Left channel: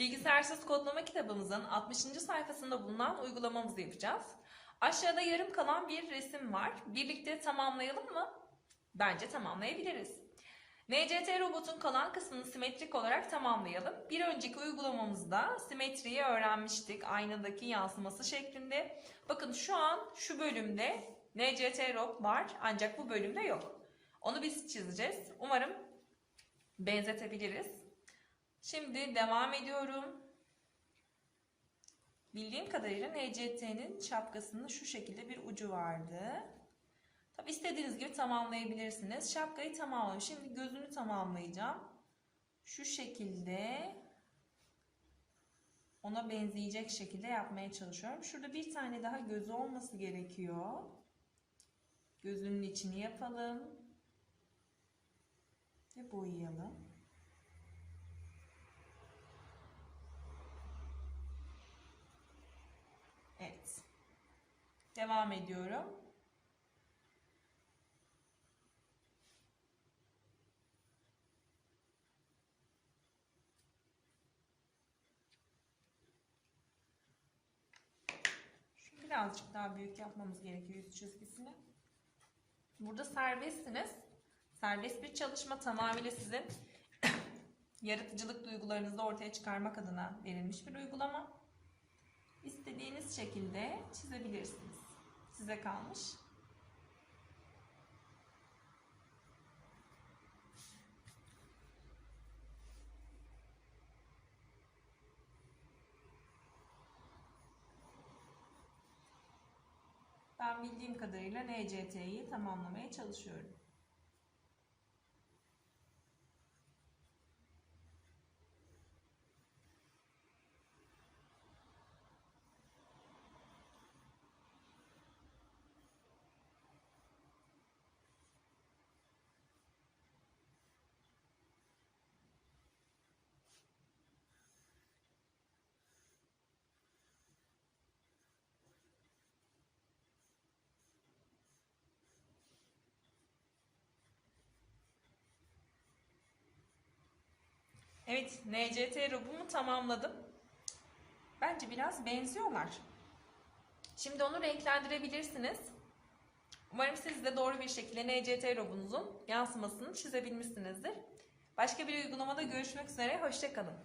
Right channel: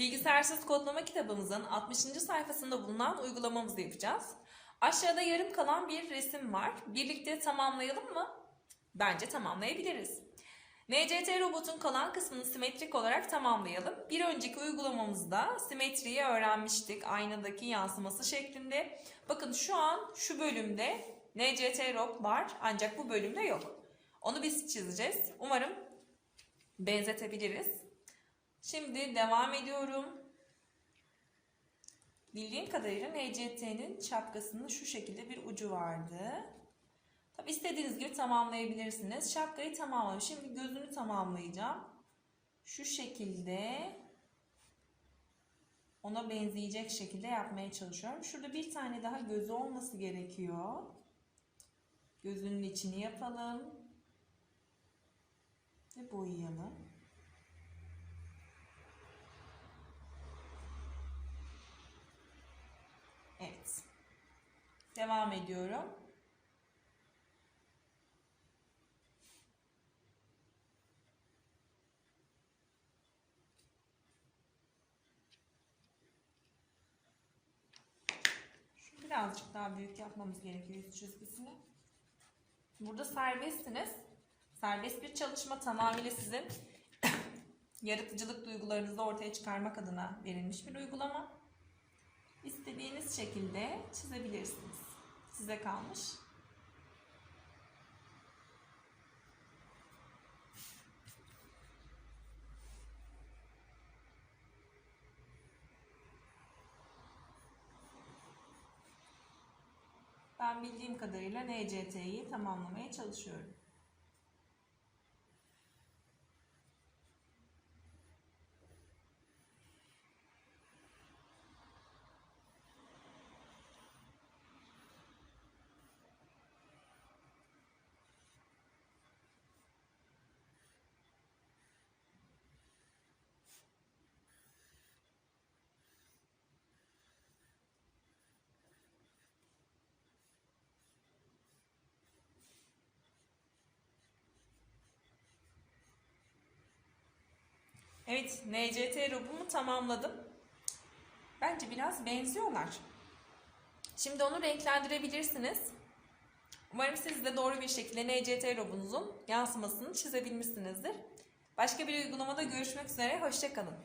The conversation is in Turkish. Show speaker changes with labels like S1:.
S1: Bilgisayarsız kodlama kitabımızın 60. sayfasında bulunan uygulamamızı yapacağız. Aşağıda yarım kalan bir resim var. Birlikte tamamlayalım mı? Bence tamamlayabiliriz. NCT robotun kalan kısmını simetrik olarak tamamlayalım. Bir önceki uygulamamızda simetriyi öğrenmiştik. Aynadaki yansıması şeklinde. Bakın şu an şu bölümde NCT rob var ancak bu bölümde yok. Onu biz çizeceğiz. Umarım benzetebiliriz. Şimdi devam ediyorum. Bildiğim kadarıyla NCT'nin şapkasının şu şekilde bir ucu vardı. Tabi istediğiniz gibi tamamlayabilirsiniz. Şapkayı tamamladım. Şimdi gözünü tamamlayacağım. Şu şekilde ona benzeyecek şekilde yapmaya çalışıyorum. Şurada bir tane daha gözü olması gerekiyor. Gözünün içini yapalım. Ve boyayalım. Evet. Devam ediyorum. Şunu birazcık daha büyük yapmamız gerekiyor yüz çizgisini. Burada serbestsiniz. Serbest bir çalışma tamamıyla sizin yaratıcılık duygularınızı ortaya çıkarmak adına verilmiş bir uygulama. İstediğiniz şekilde çizebilirsiniz. Size kalmış. Ben bildiğim kadarıyla NCT'yi tamamlamaya çalışıyorum. Evet, NCT robumu tamamladım. Bence biraz benziyorlar. Şimdi onu renklendirebilirsiniz. Umarım siz de doğru bir şekilde NCT robunuzun yansımasını çizebilmişsinizdir. Başka bir uygulamada görüşmek üzere, hoşçakalın.